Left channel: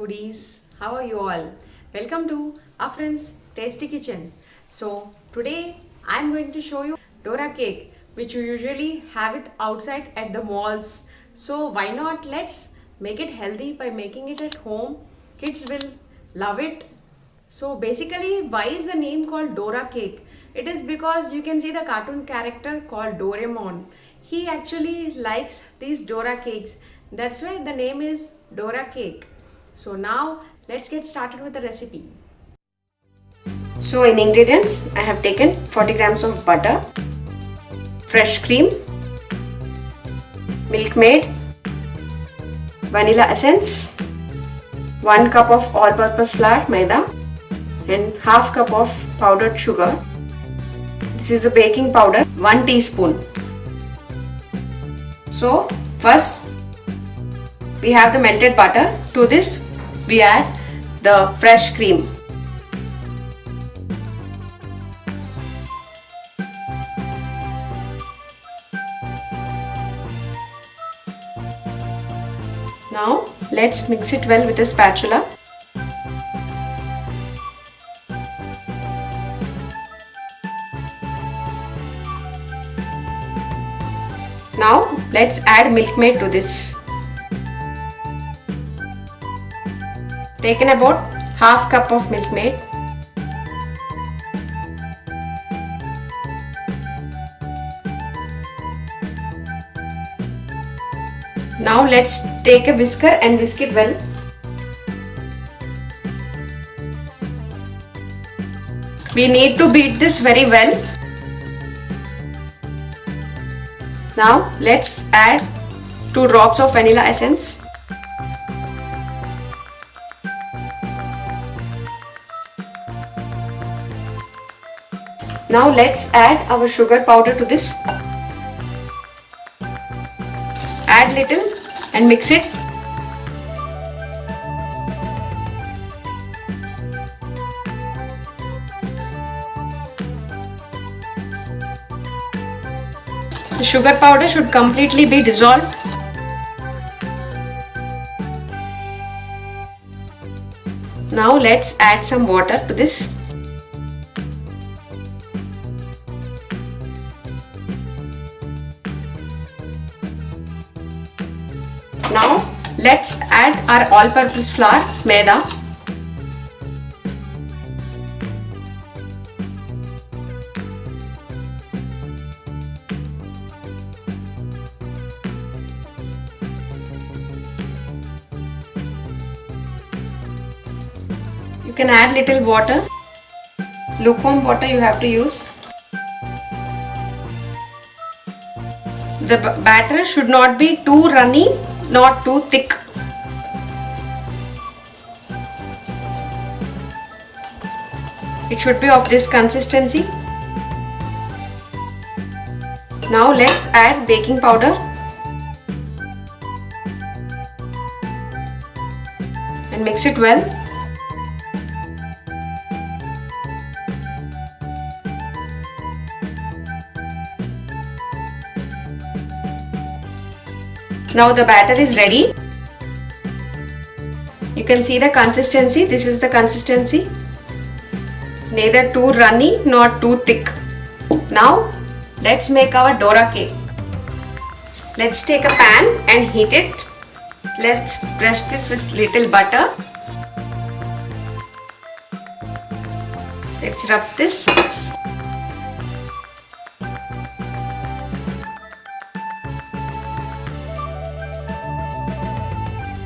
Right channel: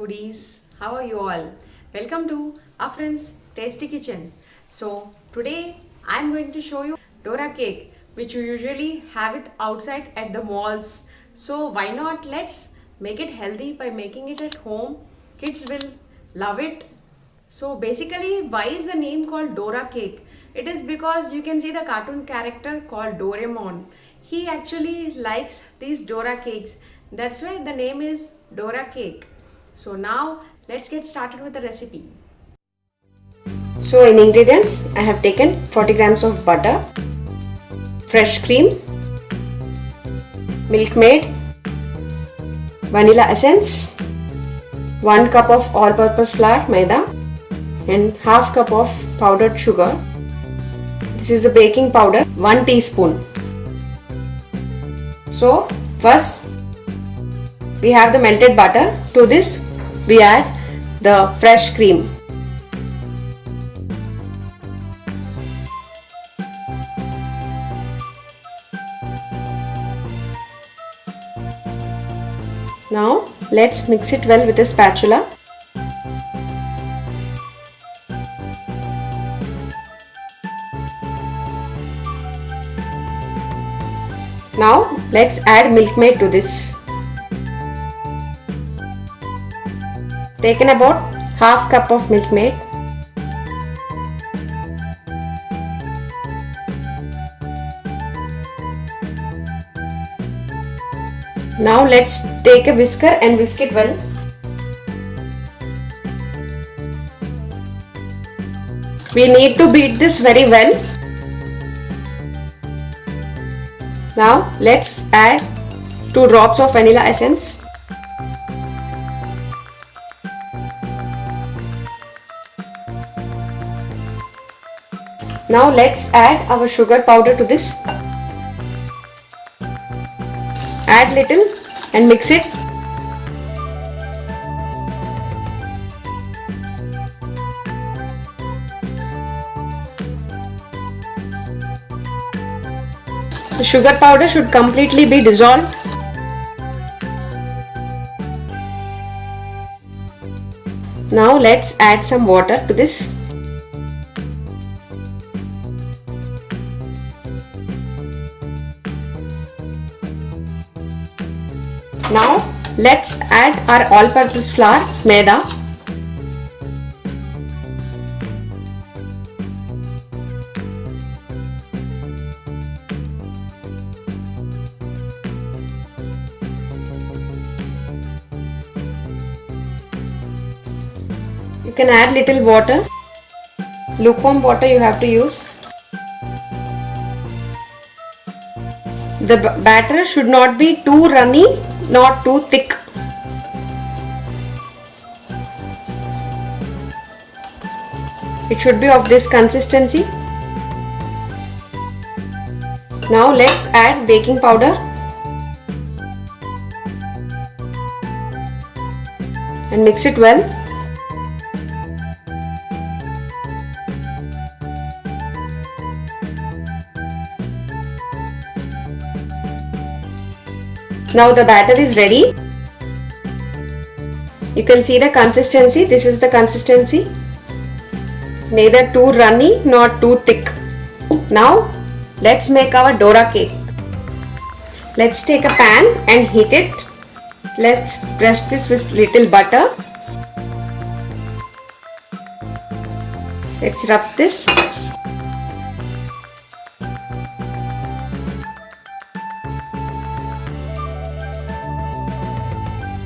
foodies, how are you all? Welcome to Afreen's Tasty Kitchen. So today I'm going to show you Dora cake, which you usually have it outside at the malls. So why not, let's make it healthy by making it at home. Kids will love it. So basically, why is the name called Dora cake? It is because you can see the cartoon character called Doremon. He actually likes these Dora cakes. That's why the name is Dora cake. So now let's get started with the recipe. So in ingredients, I have taken 40 grams of butter, fresh cream, milk maid, vanilla essence, 1 cup of all-purpose flour, Maida, and half cup of powdered sugar. This is the baking powder, 1 teaspoon. So first we have the melted butter. To this we add the fresh cream. Now let's mix it well with a spatula. Now let's add milk maid to this. Taken about half cup of milk maid. Now let's take a whisker and whisk it well. We need to beat this very well. Now let's add 2 drops of vanilla essence. Now let's add our sugar powder to this. Add little and mix it. The sugar powder should completely be dissolved. Now let's add some water to this. Now let's add our all-purpose flour, Maida. You can add little water. Lukewarm water you have to use. The batter should not be too runny, not too thick. It should be of this consistency. Now let's add baking powder and mix it well. Now the batter is ready. You can see the consistency. This is the consistency. Neither too runny nor too thick. Now let's make our Dora cake. Let's take a pan and heat it. Let's brush this with little butter. Let's rub this.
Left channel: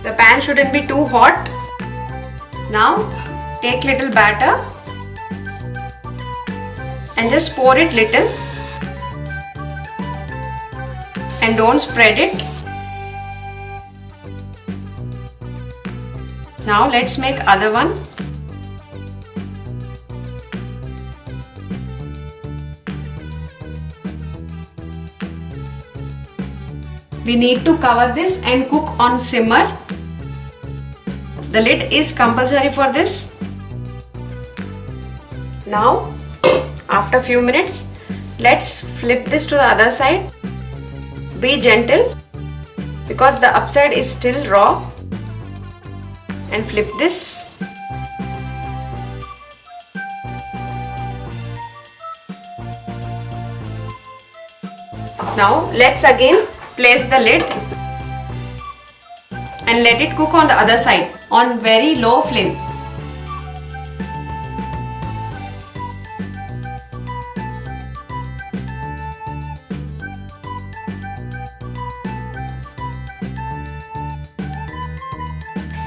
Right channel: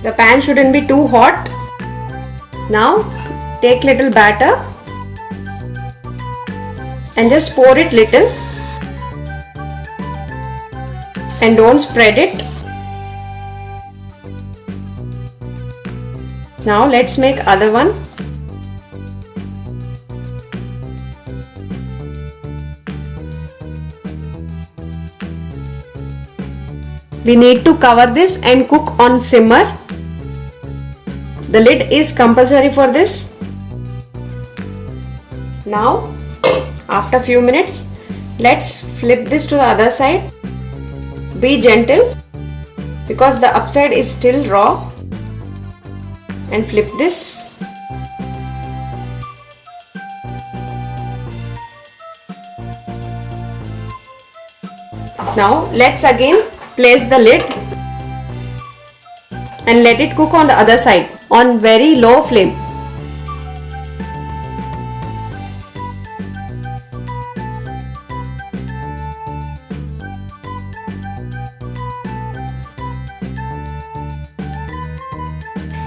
The pan shouldn't be too hot. Now take little batter and just pour it little and don't spread it. Now let's make other one. We need to cover this and cook on simmer. The lid is compulsory for this. Now, after few minutes, let's flip this to the other side. Be gentle because the upside is still raw. and flip this. Now let's again place the lid and let it cook on the other side on very low flame.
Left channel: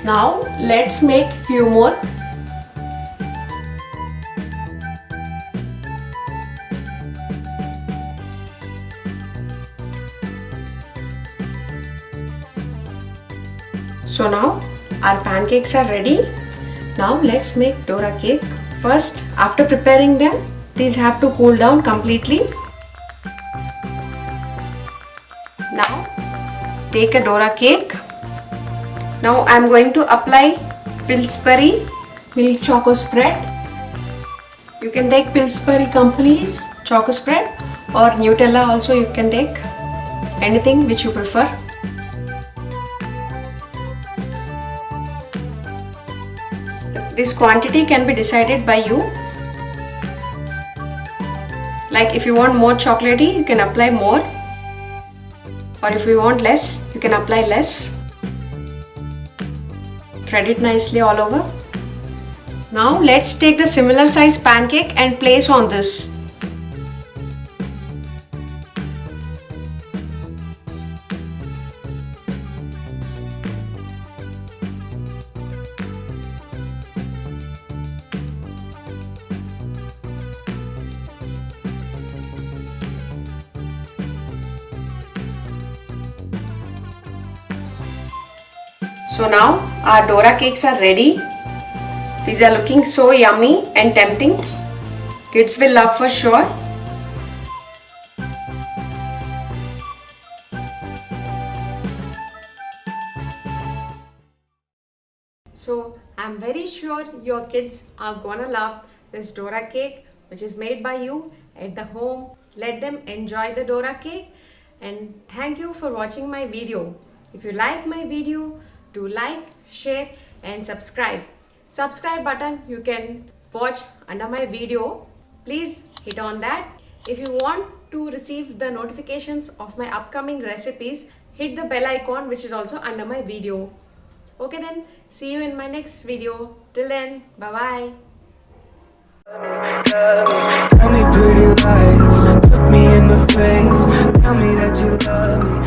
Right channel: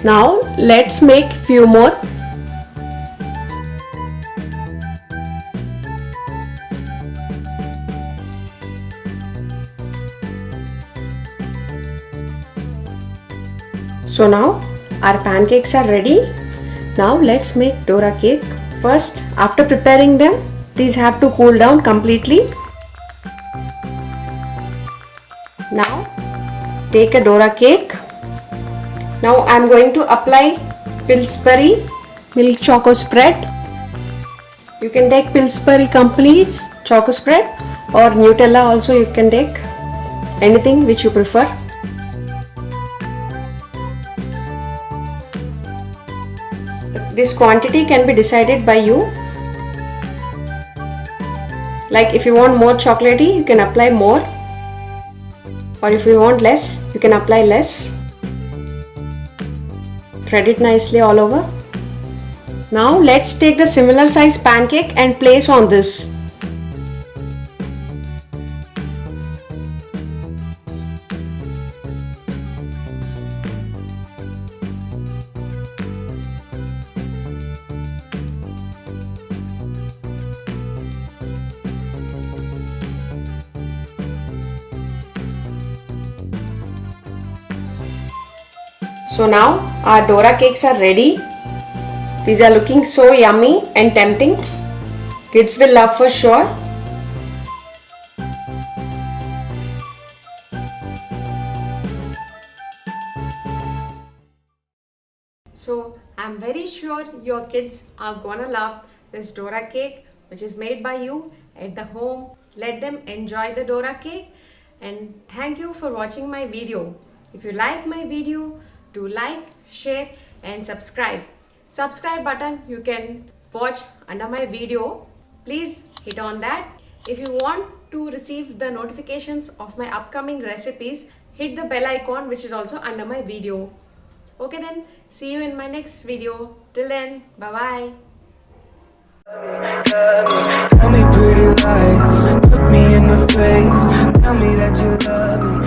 Now let's make few more. So now our pancakes are ready. Now let's make Dora cake. First, after preparing them, these have to cool down completely. Now take a Dora cake. Now I am going to apply Pillsbury milk choco spread. You can take Pillsbury Company's choco spread or Nutella also, you can take anything which you prefer. This quantity can be decided by you. Like if you want more chocolatey, you can apply more, or if you want less, you can apply less. Spread it nicely all over. Now let's take the similar size pancake and place on this. So now our Dora cakes are ready. These are looking so yummy and tempting. Kids will love for sure. So I'm very sure your kids are gonna love this Dora cake which is made by you at the home. Let them enjoy the Dora cake, and thank you for watching my video. If you like my video, do like, share and subscribe. Subscribe button you can watch under my video. Please hit on that. If you want to receive the notifications of my upcoming recipes, hit the bell icon which is also under my video. Okay then, see you in my next video. Till then, bye bye. Tell me pretty lies, look me in the face, tell me that you love me.